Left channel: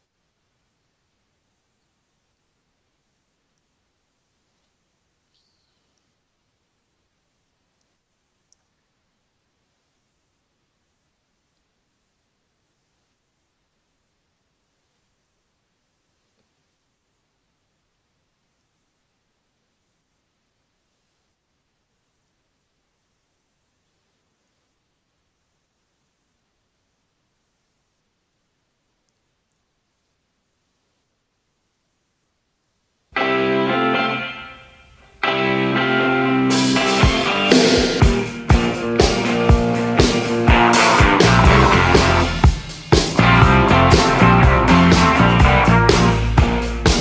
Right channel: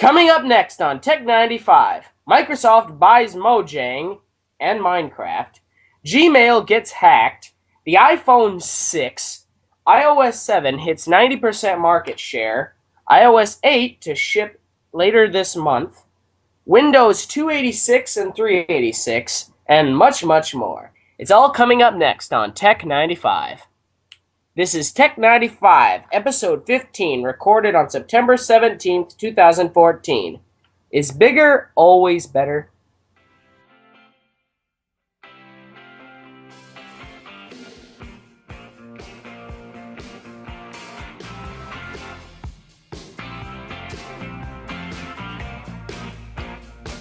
Coming up next on Tech 95, Microsoft buys Mojang and Minecraft, Gmail gets hacked, the iPhone 6, iOS 7 hits 90% market share, iOS 8 to ship later this month, Windows 286 and 386, and much, much more. It's all coming up next on Tech 95. This is Tech 95, episode 15, recorded on September 17th, 2014. Is bigger always better?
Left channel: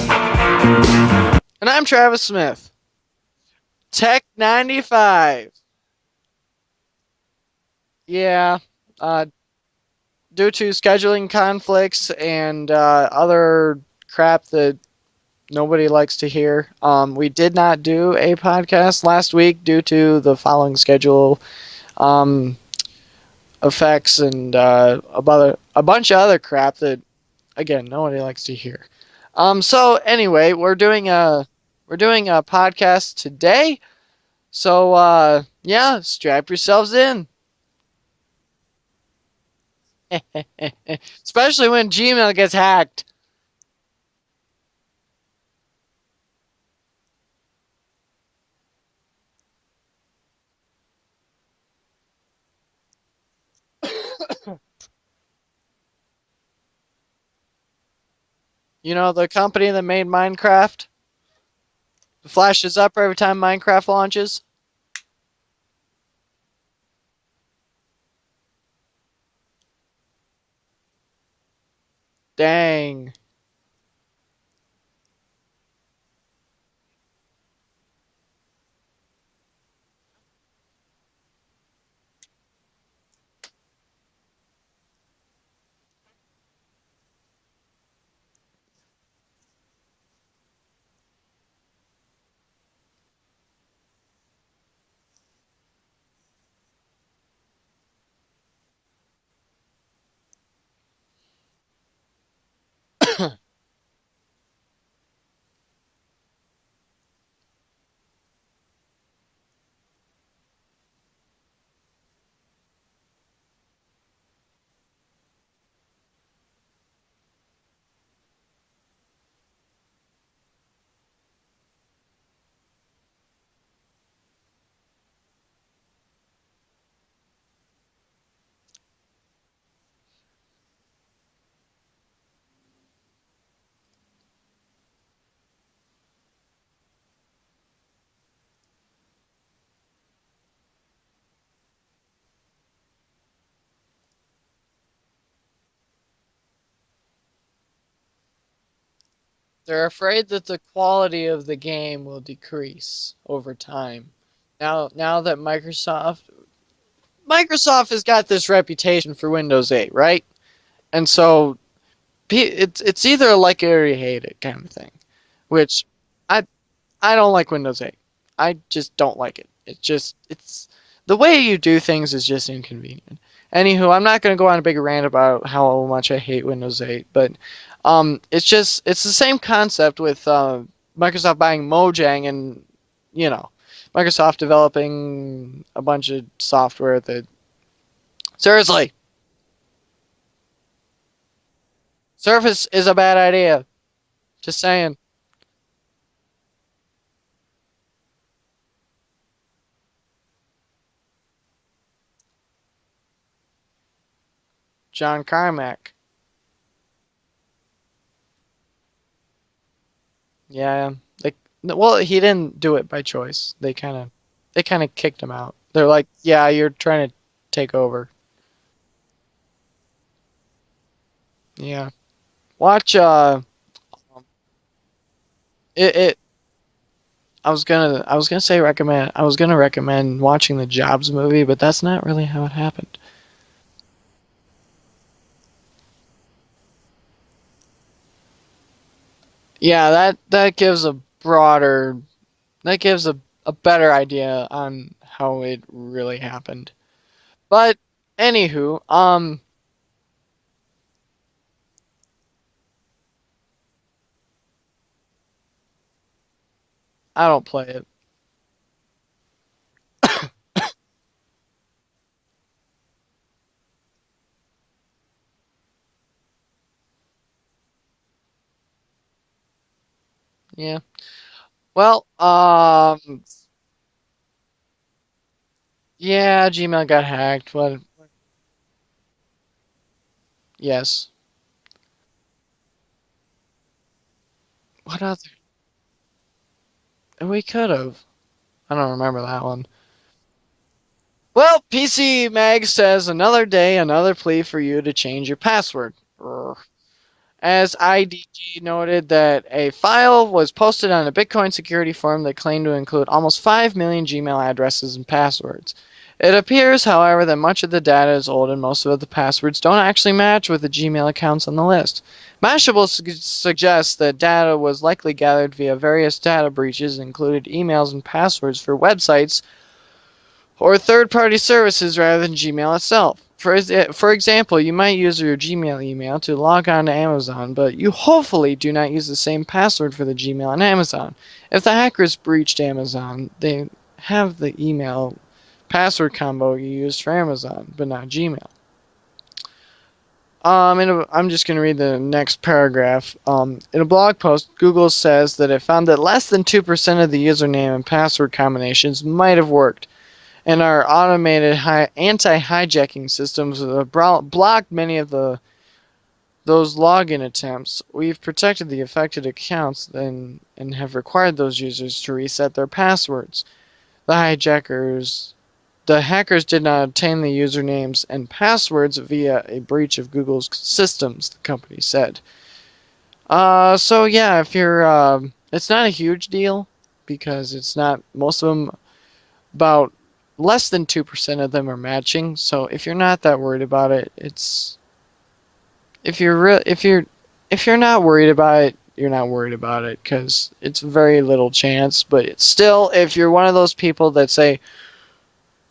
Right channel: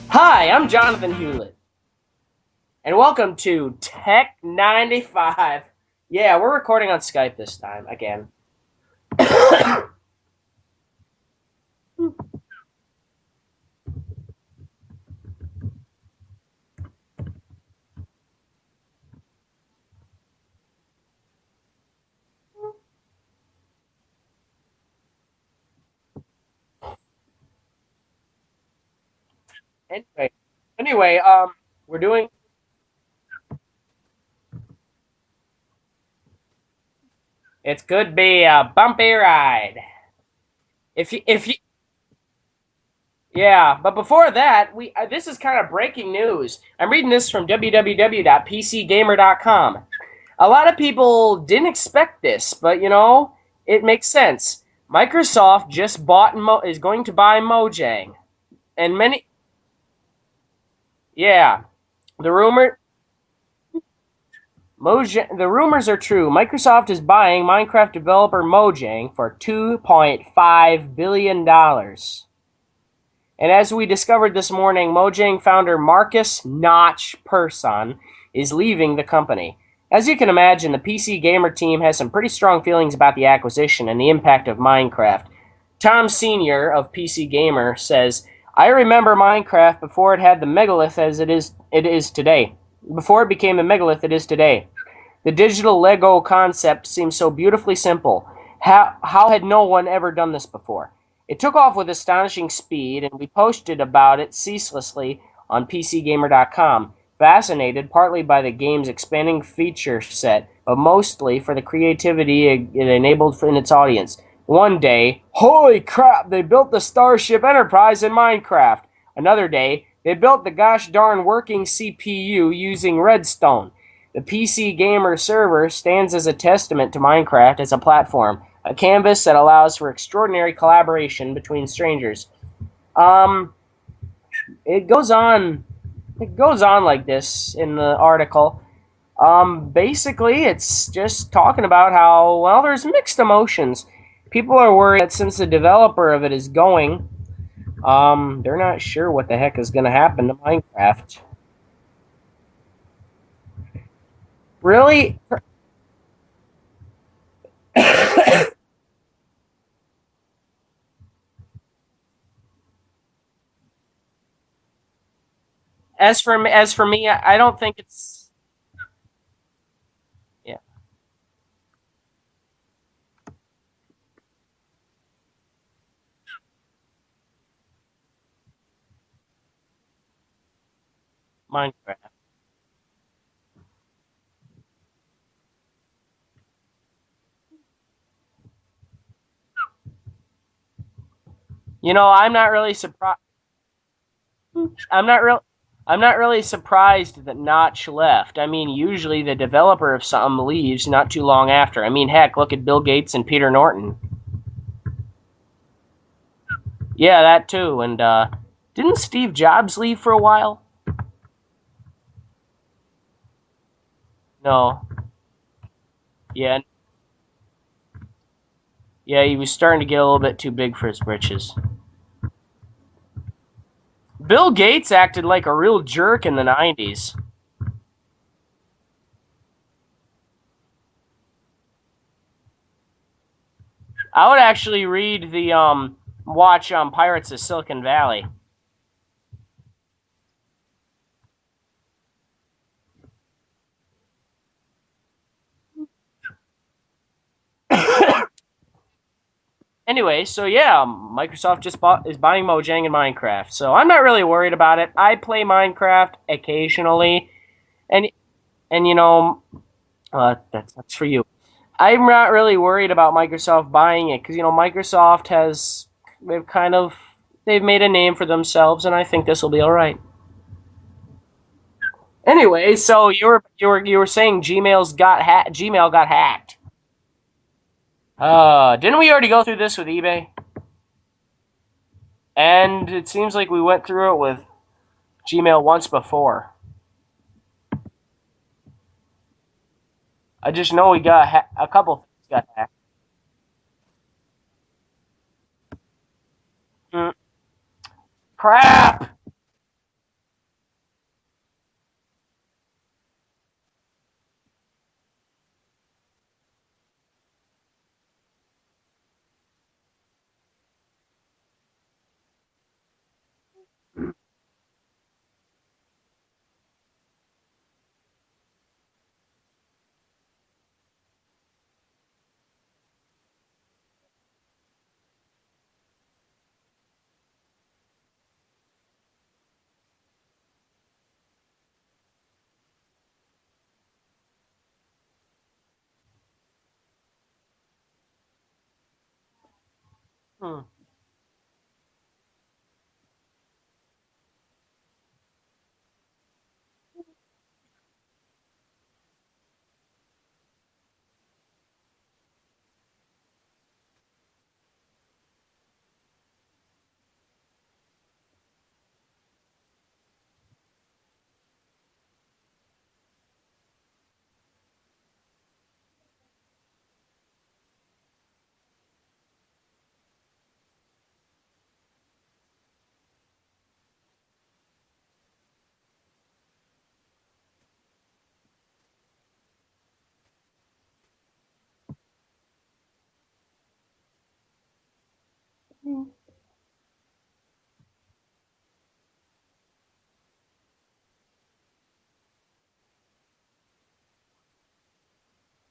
Hi, I'm Jonathan, And I'm Travis Smith. and welcome to Tech 95. Yeah, we're recording on Skype this time again. Yeah, due to scheduling conflicts and other crap that nobody likes to hear, we did not do a podcast last week due to the following schedule effects and a bunch of other crap that, again, nobody likes to hear. So anyway, we're doing we're doing a podcast today. So yeah, strap yourselves in. It could be a bumpy ride. Especially when Gmail gets hacked. Yeah, but before that, we this is kind of breaking news. I'm reading this from www.pcgamer.com. A lot of people didn't expect this, but it makes sense. Microsoft just is going to buy Mojang, and The company that made Minecraft yeah, the flashes up every time Minecraft launches. The rumors are true. Microsoft is buying Minecraft developer Mojang for $2.5 billion. Dang. And as we discovered this morning, Mojang founder Marcus Notch Persson is leaving the company. As you can imagine, the PC Gamer team has some pretty strong feelings about the acquisition and the impact of Minecraft. Tom Sr. of PC Gamer says, I remember Minecraft before it had the megalith as it is today. Before it became the megalith it is today. The digital Lego concept seems so beautifully simple. How had no one ever done this before? It took off with astonishing speed, and he posted about it ceaselessly on PCGamer.com, fascinated partly by the game's expanding feature set, but mostly for the creativity it enabled in its audience. One day, holy crap, they built the Starship Enterprise in Minecraft. Another day, they built the gosh darn working CPU using Redstone. The PC Gamer server stands as a testament to Minecraft as a platform, a canvas that allows for extraordinary collaboration between strangers. It goes on like this in the article. Basically, it's just talking about how, well, there's mixed emotions. People are worried that since the developer of it is going, they're not sure what the heck is going to happen to They're afraid that Minecraft. the quality of the game will decrease over time. Really? Now that Microsoft has got this reputation for Windows 8, right? And so it's either like it or you hate it kind of thing. Which As for me, I don't I like don't Windows think 8. it's. I just don't like it. It's the way you do things is just inconvenient. Anywho, I'm not going to go on a big rant about how much I hate Windows 8, but it's the same concept with Microsoft buying Minecraft. Mojang and Microsoft developing a bunch of software that seriously I'm not Surface really is a bad idea. Just saying. I'm not really surprised that Notch left. I mean, usually the developer of something leaves not too long after. I mean, heck, look at Bill Gates and Peter Norton. John Carmack. Yeah, that too. And didn't Steve Jobs leave for a while? Yeah. Well, he didn't do it by choice. They kind No. of kicked him out. They're like, yeah, Yeah. you're trying to take over. Yeah, he was starting to get a little bit too big for his britches. Yeah. Watch Bill Gates acted like a real jerk in the 90s. I was gonna recommend watching the Jobs movie, but that's not really how it happened. I would actually read the watch Pirates of Silicon Valley. Yeah, that gives a better idea on how it really happened. But anywho, Anyway, so yeah, Microsoft is buying Mojang and Minecraft. So I'm not really worried about it. I play Minecraft occasionally, I don't play it. and but that's for you. I'm not really worried about Microsoft buying it because Microsoft has they've kind of they've made a name for themselves, and I think this will be all right. Yeah. Well, Anyway, so you were saying Gmail got yeah, hacked. Gmail got hacked. What? Didn't we already go through this with eBay? Yes. And it seems like we went through it with What other? Gmail once before. We could have. I don't remember that one. I just know we got Well, a couple PC got Mag hacked. says another day, another plea for you to change your password. Urgh. Mm, As IDG crap. noted that a file was posted on a Bitcoin security forum that claimed to include almost 5 million Gmail addresses and passwords. It appears, however, that much of the data is old and most of the passwords don't actually match with the Gmail accounts on the list. Mashable suggests that data was likely gathered via various data breaches and included emails and passwords for websites or third-party services rather than Gmail itself. For example, you might use your Gmail email to log on to Amazon, but you hopefully do not use the same password for the Gmail on Amazon. If the hackers breached Amazon, they have the email password combo you used for Amazon, but not Gmail. I'm just going to read the next paragraph. In a blog post, Google says that it found that less than 2% of the username and password combinations might have worked, and our automated anti-hijacking systems have blocked many of those login attempts. We've protected the affected accounts and have required those users to reset their passwords. The hackers did not obtain the usernames and passwords via a breach of Google's systems, the company said. So yeah, if you're, it's not a huge deal because it's not, most of them, about less than 2% of them are matching. So if you're not that worried about it, if you're if you're not worried about it, you're not worried about it because it's very little chance. But it's still, if you're one of those people that say,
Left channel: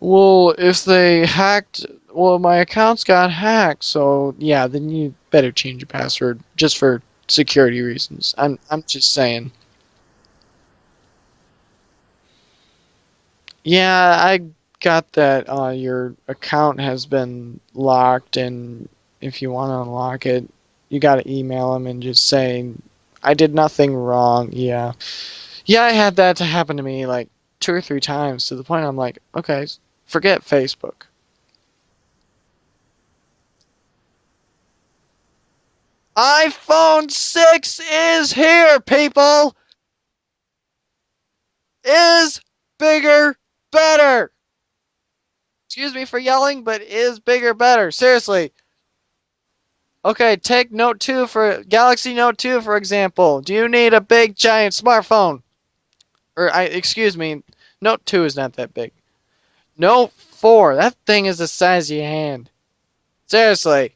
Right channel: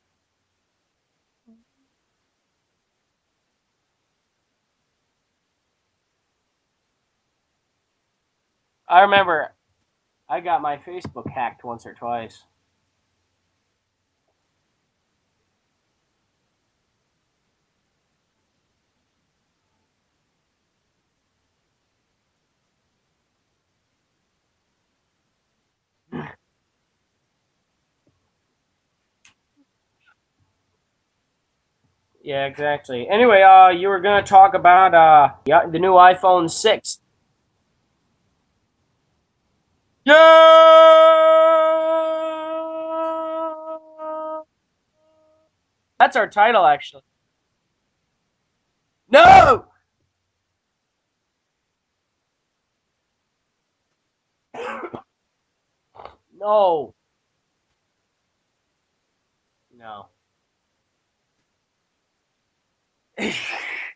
well, if they hacked, well, my accounts got hacked, so yeah, then you better change your password just for security reasons. I'm I just saying. remember I got my Facebook hacked once or twice. Yeah, I got that your account has been locked, and if you want to unlock it, you got to email them and just say, I did nothing wrong. Yeah. Yeah, I had that to happen to me like 2 or 3 times to the point I'm like, okay, forget Facebook. Yeah, exactly. Anyway, you were gonna talk about yeah, the new iPhone 6. iPhone 6 is here, people! Is bigger, Yeah. better! Excuse me That's for our yelling, title, but actually. is bigger, better. Seriously. No. Okay, take Note 2 for Galaxy Note 2 for example. Do you need a big giant smartphone? No. Excuse me, Note 2 is not that big. Note 4, that thing is the size of your hand. Seriously.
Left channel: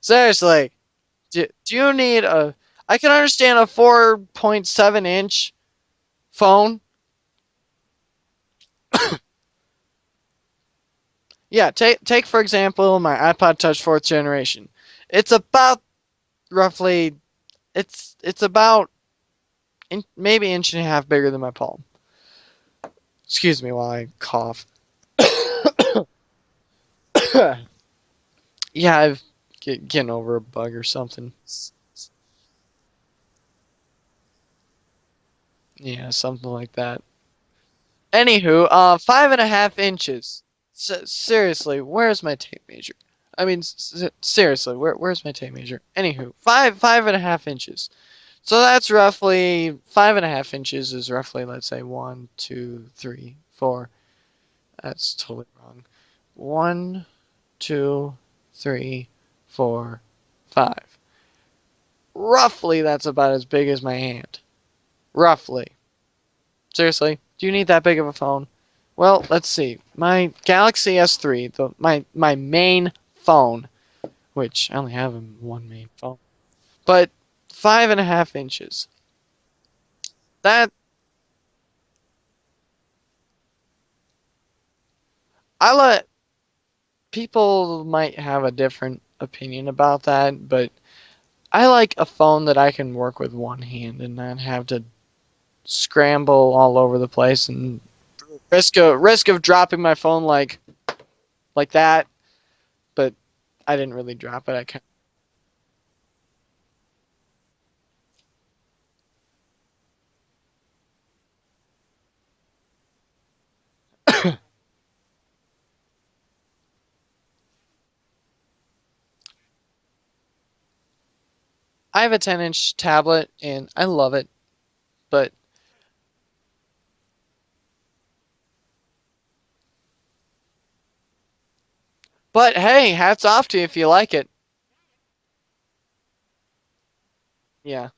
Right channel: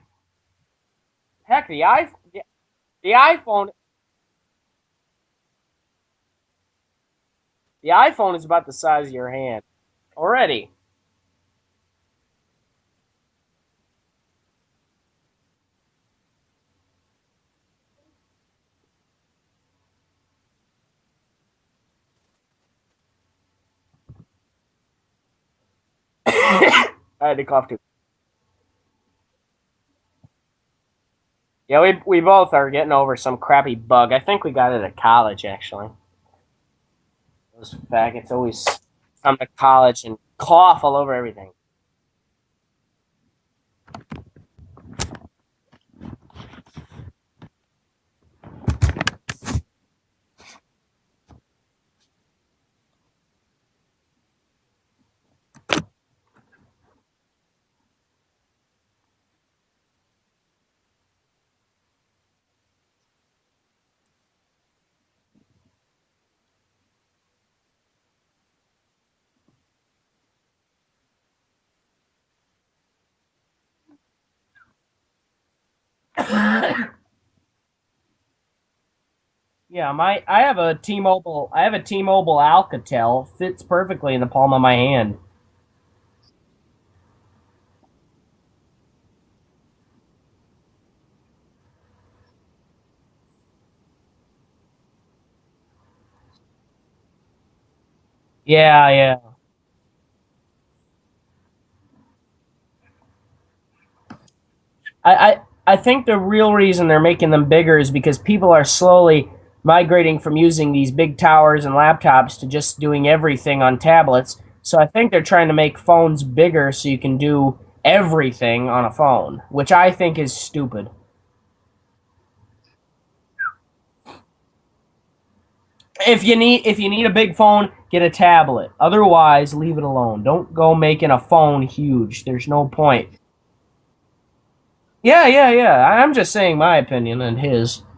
Seriously. Heck, Do you need a I can the understand a iPhone 4.7-inch phone. the iPhone is about the size of your hand already. Yeah, take for example my iPod Touch 4th generation. It's about roughly it's about maybe inch and a half bigger than my palm. Excuse me while I cough. Sorry to cough too. Yeah, I've getting over a bug or something. Yeah, we both are getting over some crappy bug. I think we got it at college actually. Yeah, something like that. Those faggots Anywho, always 5.5 come to college and inches. cough all over everything. Seriously, where's my tape measure? I mean, seriously, where's my tape measure? Anywho, 5.5 inches. So that's roughly 5.5 inches is roughly, let's say, 1, 2, 3, 4. That's totally wrong. 1, 2, 3, 4, 5. Roughly, that's about as big as my hand. Roughly. Seriously, do you need that big of a phone? Well, let's see. My Galaxy S3, my main phone, which I only have one main phone, but 5.5 inches. Yeah, I have That a T-Mobile Alcatel fits perfectly in the palm of my hand. I let people might have a different opinion about that, but I like a phone that I can work with one hand and not have to scramble all over the place and Yeah, yeah. risk of dropping my phone like that. But I didn't really drop it. I kind I, I I think the real reason they're making them bigger is because people are slowly migrating from using these big towers and laptops to just doing everything on tablets. So I think they're trying to make phones bigger so you can do everything on a phone, which I think is stupid. I have a 10-inch tablet and I love it, but If you need a big phone, get a tablet. Otherwise, leave it alone. Don't go making a phone huge. There's no hey, point. hats off to you if you like it. Yeah, yeah, yeah. I'm just saying my opinion and his. Yeah.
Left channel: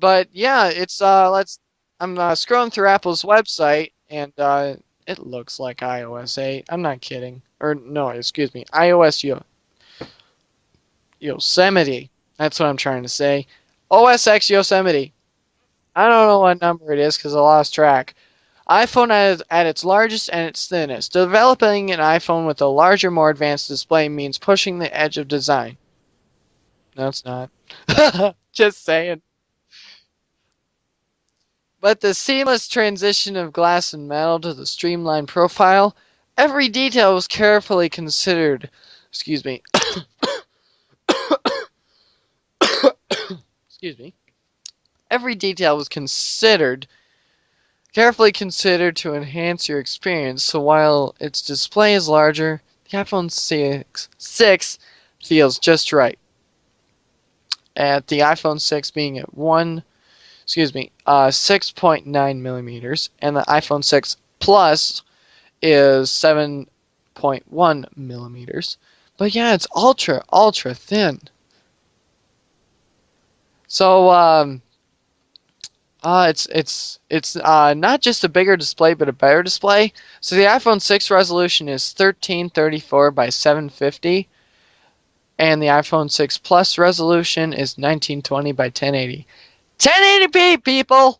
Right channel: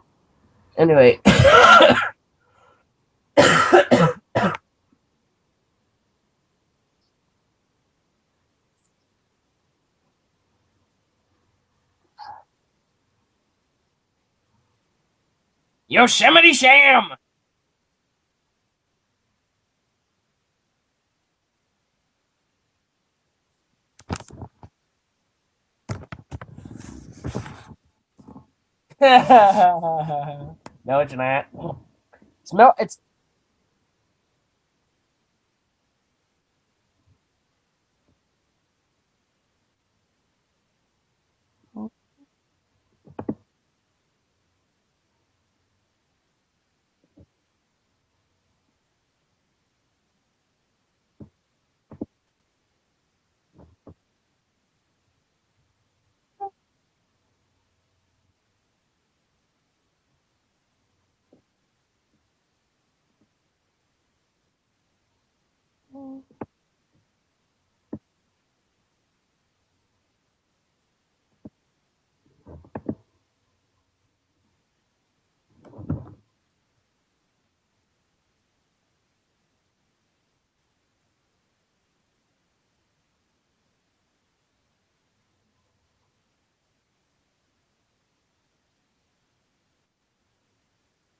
But yeah, it's Anyway. I'm scrolling through Apple's website and it looks like iOS 8. I'm not kidding. Or no, excuse me, iOS Yosemite. That's what I'm trying to say. OS X Yosemite. I don't know Yosemite what number it Sam. is because I lost track. iPhone at its largest and its thinnest. Developing an iPhone with a larger, more advanced display means pushing the edge of design. No, it's not. Just saying. No, it's not. But the seamless No, it's transition of glass and metal to the streamlined profile, every detail was carefully considered. Excuse me. Excuse me. Every detail was carefully considered to enhance your experience. So while its display is larger, the iPhone 6 feels just right. At the iPhone 6 being at 6.9 millimeters, and the iPhone 6 Plus is 7.1 millimeters. But yeah, it's ultra thin. So it's not just a bigger display, but a better display. So the iPhone 6 resolution is 1334 by 750, and the iPhone 6 Plus resolution is 1920 by 1080. 1080p, people.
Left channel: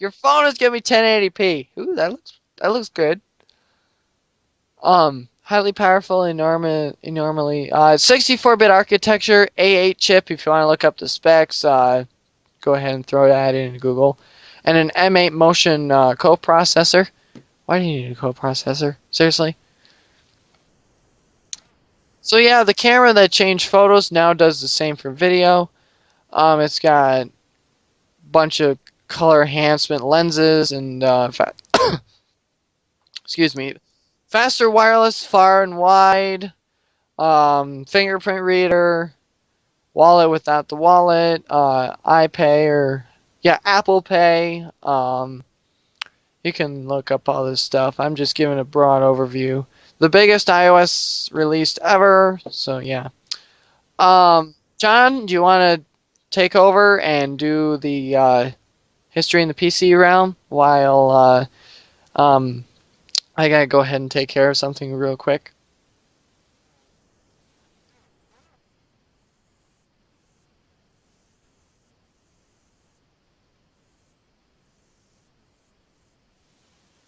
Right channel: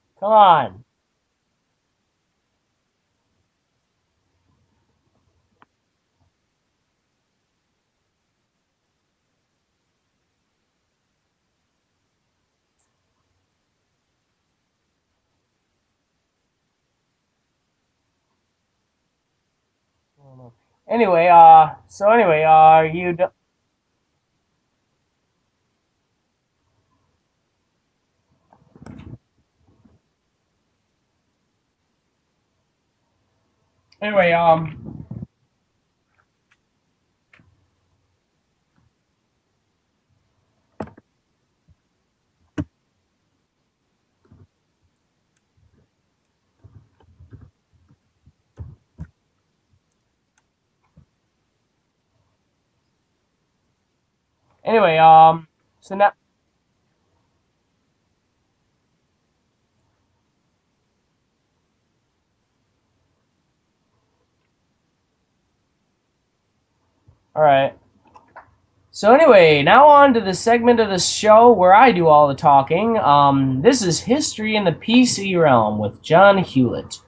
Your come phone is gonna on. be 1080p. Ooh, that looks good. Highly powerful, enormously 64-bit architecture, A8 chip. If you want to look up the specs, go ahead and throw that in Google, and an M8 Motion coprocessor. Why do you need a coprocessor? Seriously? Anyway, So yeah, the do camera you? that changed photos now does the same for video. It's got a bunch of color enhancement lenses and excuse me, Anyway, faster wireless far and wide, fingerprint reader, wallet without the wallet, iPay or yeah, Apple Pay. You can look up all this stuff. I'm just giving a broad overview. The biggest iOS released ever. So yeah. anyway, John, do you want to so now, take over and do the history in the PC realm while I gotta go ahead and take care of something real quick? all right. So anyway, now on to the segment of the show where I do all the talking. This is history in the PC realm with John Hewlett.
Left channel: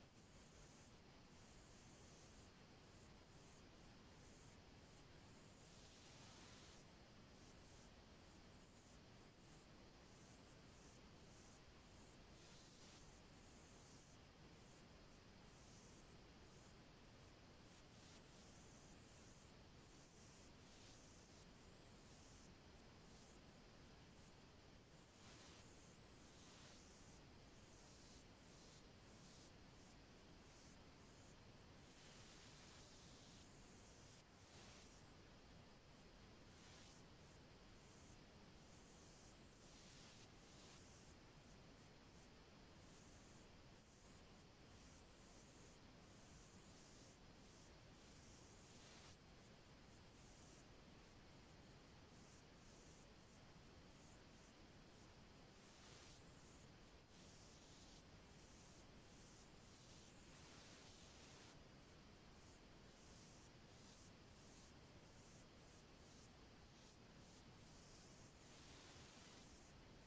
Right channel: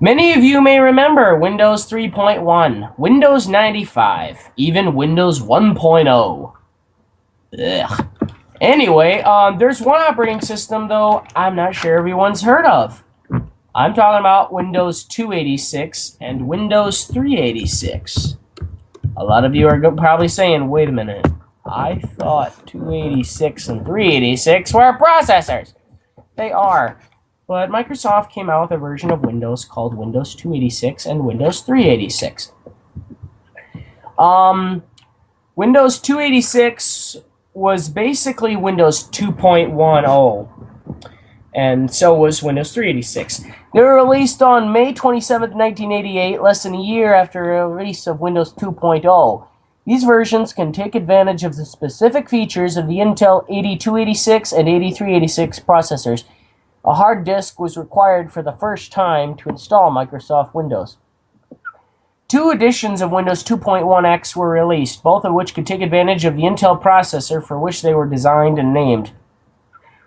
Many of you may remember Windows 3.1, Windows 95, even Windows 1.0. Ugh. Anyway, there's one operating system though I'm not sure everyone's heard of. I'm talking about Windows 286 and Windows 386. A lot of you are probably saying, wait a minute, I thought 286 and 386 were processors. They are. But Microsoft came out with a version of Windows called Windows 286 and Windows 386. Um, Windows 286 was basically Windows 2.10, and so was Windows 386. They were released on May 27, 1988, less than a year after the release of Windows 2.0. These versions can take advantage of the specific features of the Intel 8286 and 8386 processors. A hard disk was required for the first time to install Microsoft Windows. Two editions of Windows 2.1x were released, both of which could take advantage of the Intel processor for which they were designed and named.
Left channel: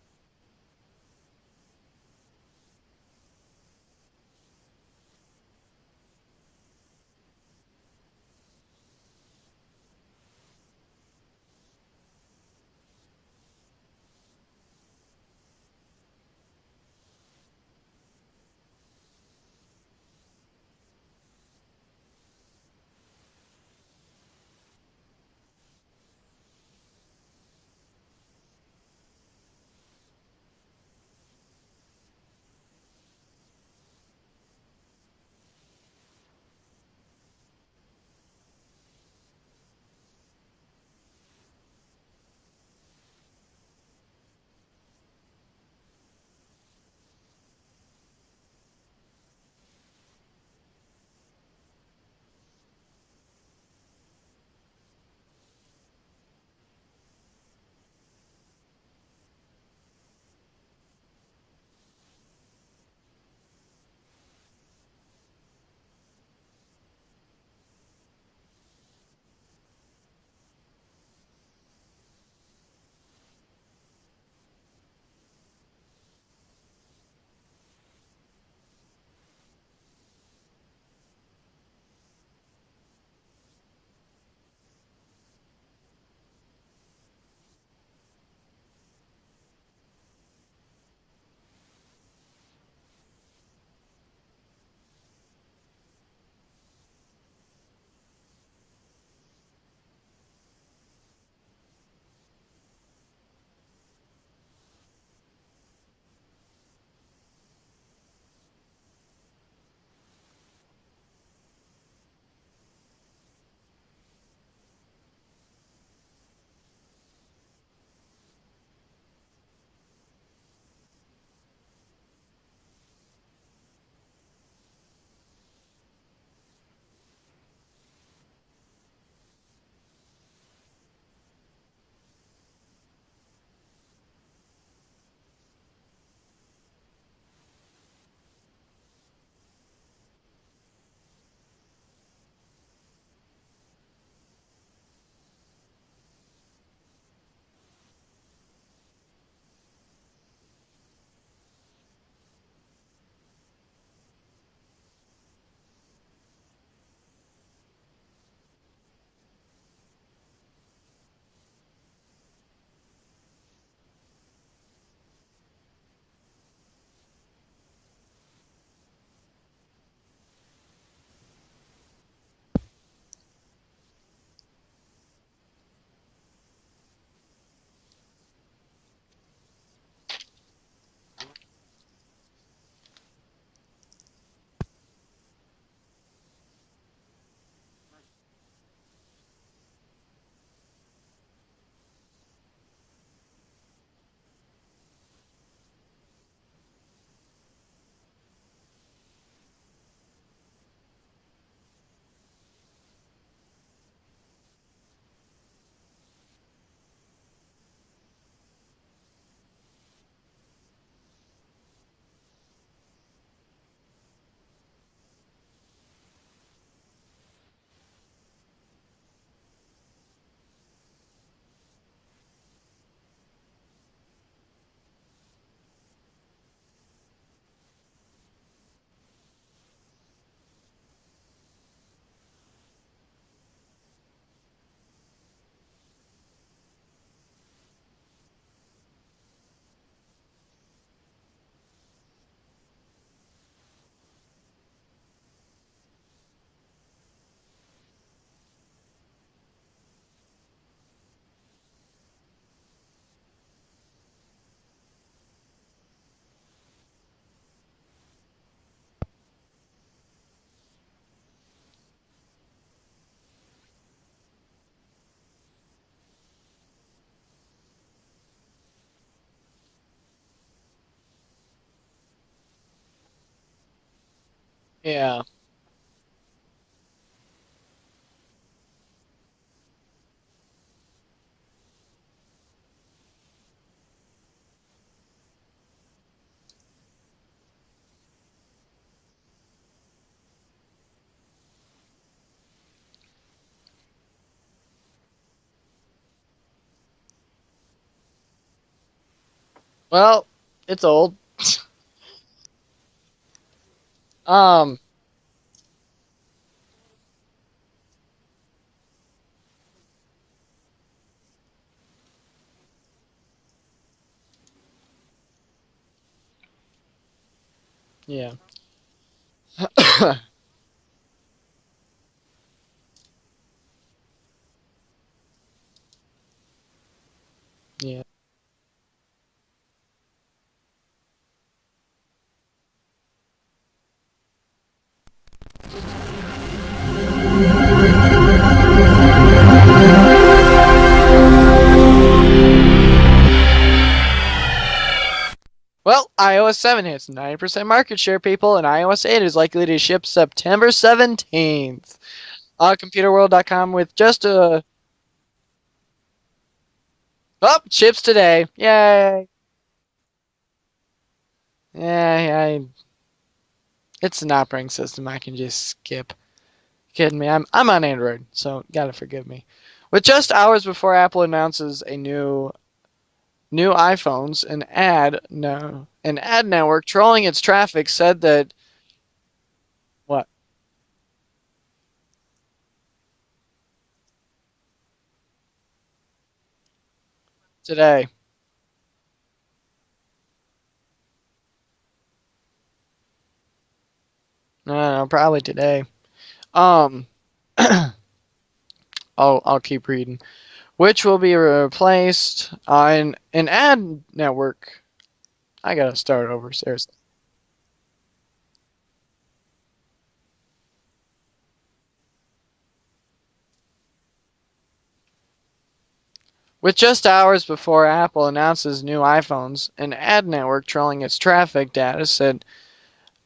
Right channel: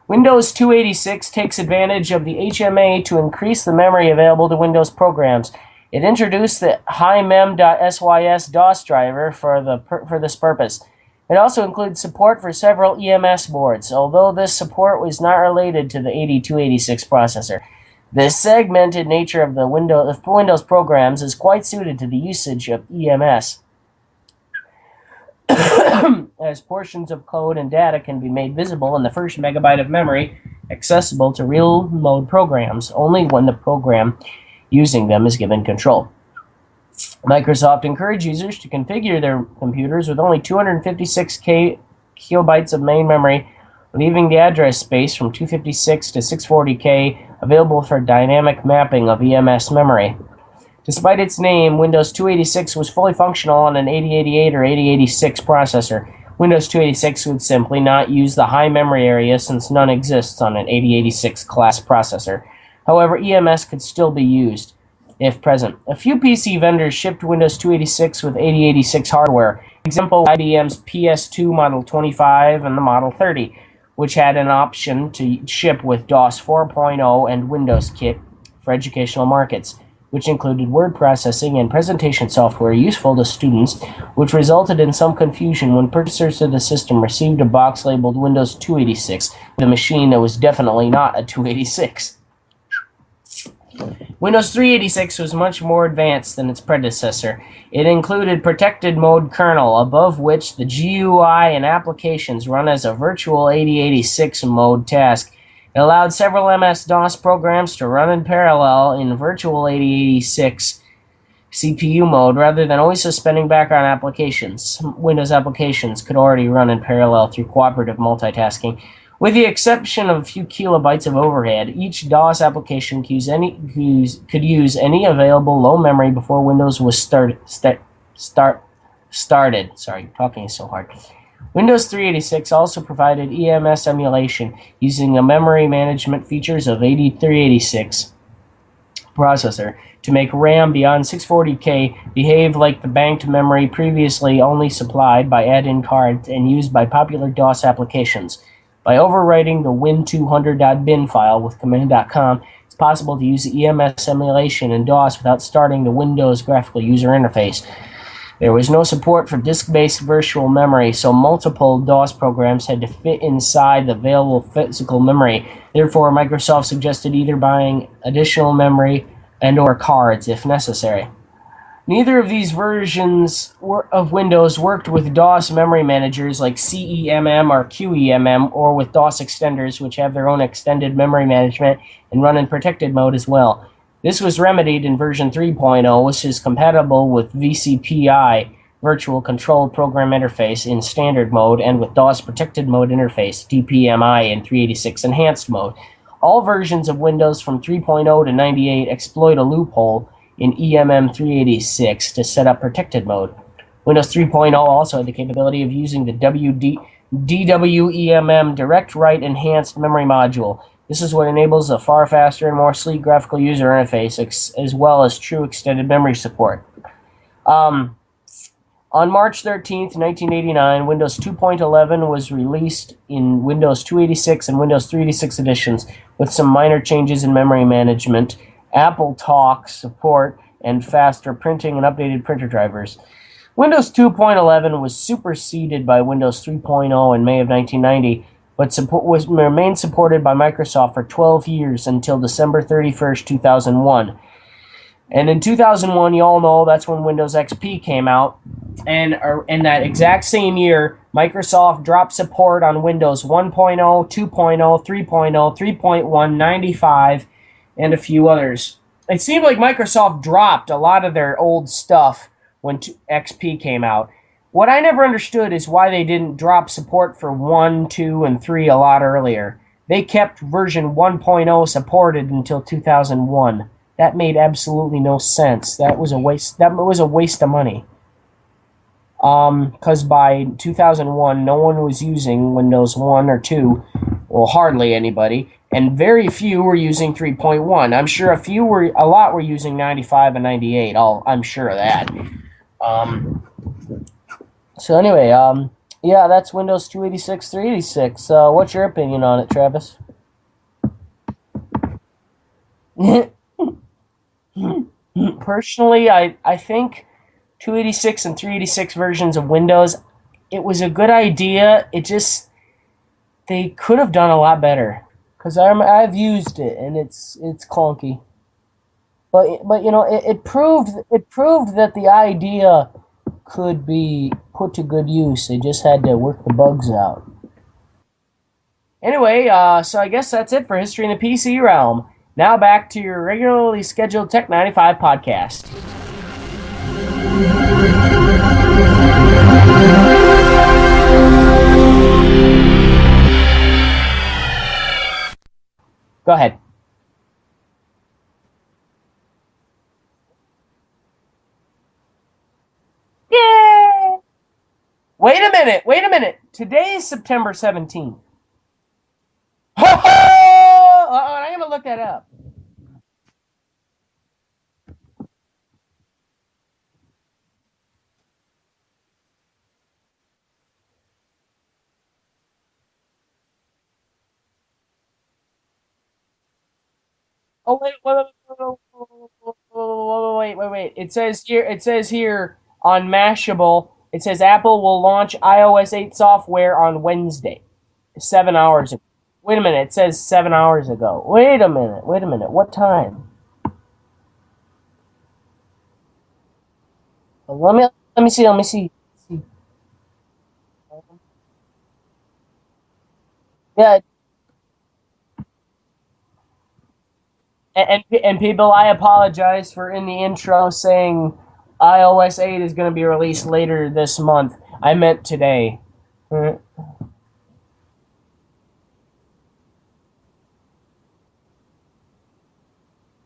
Windows 286 takes advantage of the HMA to increase the memory available to Windows programs. It introduced the HiMem.sys DOS driver for this purpose. It also includes support for several EMS boards, although this support was not related to the 8286 processor. The segmented nature of the Windows programs is quite suited to the usage of EMS, as portions of code and data can be made visible in the first megabyte of memory accessible to real-mode programs only when the program using them is given control. Microsoft encouraged users to configure their computers with only 256 kilobytes of main memory, leaving the address space from 256 to 640K available for dynamic mapping of EMS memory. Despite its name, Windows 286 was fully functional on an 8088 or 8086 processor. Windows 286 would simply not use the high memory area since none exists on an 8086 class processor. However, EMS could still be used if present. A few PC vendors shipped Windows 286 with 8086 hardware. Example, IBM's PS2 Model 25 and the Model 30, which had an option to ship with DOS 4.0 and Windows Kit for educational markets, which included word processing and presentation software useful to students, which resulted in some confusion when purchasers of the system received a box labeled Windows 286 with a machine that was definitely not a 286. Windows 386 was much more advanced than its predecessor. It included protected mode kernel, above which the GUI and applications run as a virtual 8086 mode task. It allowed several MS-DOS programs to run in parallel in virtual 8086 CPU mode rather than always suspending background applications. Windows applications could already run in parallel through cooperative multitasking. With the exception of a few kilobytes of overhead, each DOS application could use any available low memory before Windows was started. Sorry, talking is so hard. Windows 386 also provided EMS emulation using the memory management features of 8386 processor to make RAM beyond 640K behave like the banked memory previously only supplied by add-in cards and used by popular DOS applications. By overwriting the win200.bin file with command.com, it's possible to use the EMS emulation in DOS without starting the Windows graphical user interface. There was no support for disk-based virtual memory, so multiple DOS programs had to fit inside the available physical memory. Therefore, Microsoft suggested either buying additional memory and/or cards if necessary. Neither of these versions of Windows worked with DOS memory managers like CEMM or QEMM, or with DOS extenders, which have their own extended memory management and run in protected mode as well. This was remedied in version 3.0, which is compatible with VCPI, Virtual Control Program Interface, in standard mode, and with DOS Protected Mode Interface, DPMI, in 386 Enhanced mode. All versions of Windows from 3.0 to 98 exploit a loophole in EMM386 to set up protected mode. Windows 3.0 also had the capability of using the DWEMM Direct Write Enhanced Memory Module. This is what enables a far faster and more sleek graphical user interface, as well as true extended memory support. On March 13th, 1989, Windows 2.11 was released in Windows 286 and Windows 386 editions, with some minor changes in memory management, Apple Talk support, and faster printing and updated printer drivers. Windows 2.11 was superseded by Windows 3.0 in May of 1990, but remained supported by Microsoft for 12 years until December 31st, 2001. And in 2001, you all know that's when Windows XP came out. And in that exact same year, Microsoft dropped support on Windows 1.0, 2.0, 3.0, 3.1, 95, and a few others. It seemed like Microsoft dropped a lot of their old stuff when XP came out. What I never understood is why they didn't drop support for 1, 2, and 3 a lot earlier. They kept version 1.0 supported until 2001. That made absolutely no sense. That was a waste. That was a waste of money. Because by 2001, no one was using Windows 1 or 2, well, hardly anybody, and very few were using 3.1. I'm sure a lot were using 95 and 98. I'm sure of that. Um, so anyway, yeah, that's Windows 286, 386. What's your opinion on it, Travis? Well, it's old. Um, Personally, I think 286 and 386 versions of Windows, it was a good idea. It just they could have done a lot better because I've used it and it's clunky. yeah. But you know it proved that the idea could be put to good use. They just had to work the bugs out. Yeah. Anyway, so I guess that's it for History in the PC Realm. Now back to your regularly scheduled Tech 95 podcast. Well, Go ahead. iOS 7 hits 90% market share, people, and iOS 8 is likely to ship September 17th. ComputerWorld.com with just a... Wait a minute. Today is September Oh, 17th. ships today. Yay. I'm gonna look that up. Yeah, it's an operating system I can just skip. Kidding me? I'm on Android, so gotta forgive me. With just hours before Apple announces a new iPhones, an ad network trolling its traffic said that what Wait. It says here on Mashable. It says Apple will launch iOS 8 software on Wednesday, today. 7 hours ago. Wait a minute. It says 7 hours ago. Wait a minute. What time? I don't know, probably today. Um, Let me see. I'll keep reading. Which will be replaced on an ad Yeah, network. I gotta start over, seriously. and people, I apologize for in the intro saying iOS 8 is going to be released later this month. I meant today. With just hours before Apple announces new iPhones, an ad network trolling its traffic data said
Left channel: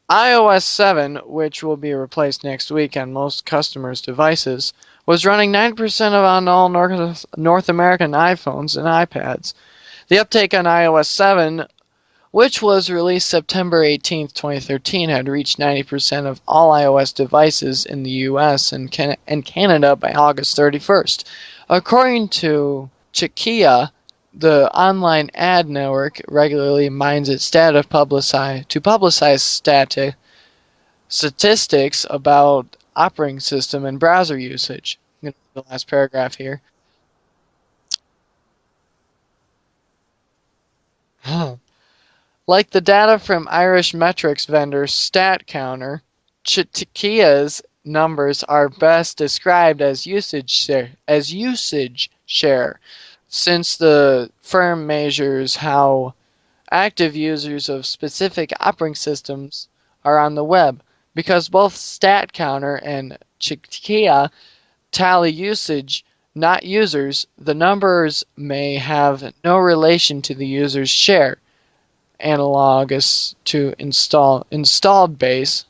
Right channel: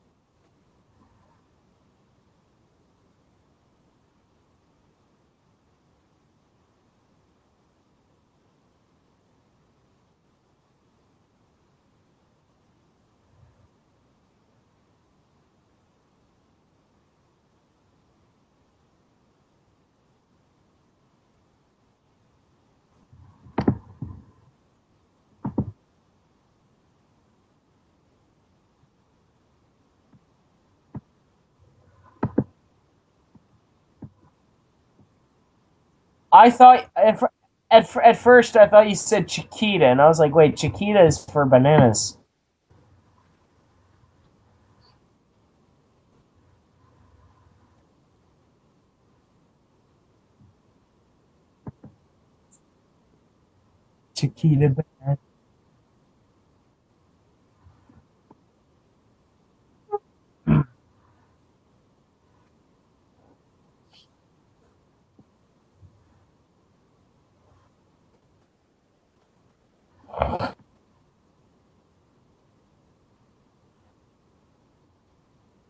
iOS 7, which will be replaced next week on most customers' devices, was running 9% on all North American iPhones and iPads. The uptake on iOS 7, which was released September 18, 2013, had reached 90% of all iOS devices in the US and Canada by August 31st. According to Chikia, the online ad network regularly mines its data to publicize statistics about operating system and browser usage. The last paragraph I here. thought at first I thought you said Chiquita, and I was like, wait, Chiquita is for bananas. Like the data from Irish metrics vendor StatCounter, Chiquia's numbers are best described as usage share, since the firm measures how active users of specific operating systems are on the web. Because both StatCounter and Chiquia tally usage, not users, the numbers may have no relation to the user's share, analogous to installed base,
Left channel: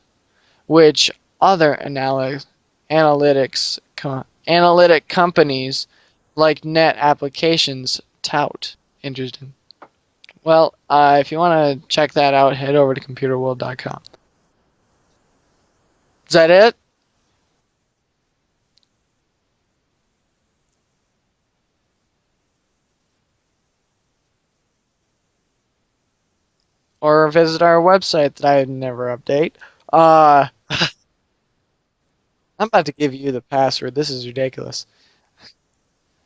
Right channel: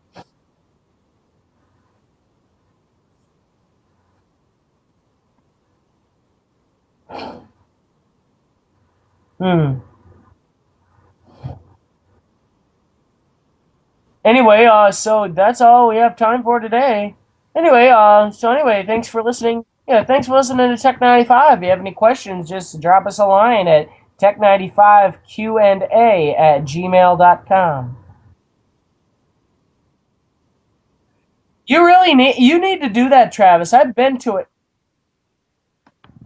which other analytic companies like Net Applications tout. Interesting. Well, if you want to check that out, head over to computerworld.com. Anyway, so that's all we have time for today. Anyway, thanks for listening. Yeah, thanks for listening to Tech 95. If you have any questions, just drop us a line at tech95q&a@gmail.com. Or visit our website that I never update. You really need to do that, Travis. I've been to it. Ridiculous.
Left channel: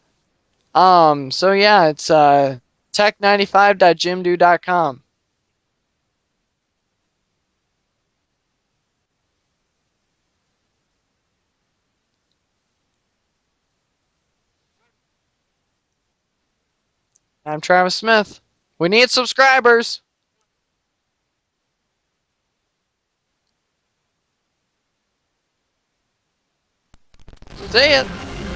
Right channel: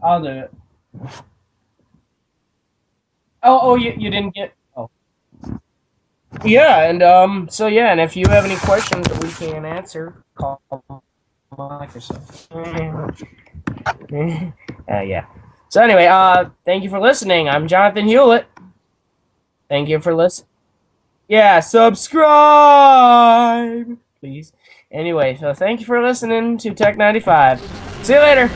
I'll do it. So yeah, it's tech95.jimdo.com. Yeah, and and if you have any questions that we can't answer, call Microsoft. Yeah. So anyway, thank you for listening. I'm Jonathan Hewlett. We need subscribers. Thank you for listening. Yeah, subscribe, please. Anyway, so thank you for listening to Tech 95. See ya. See you later.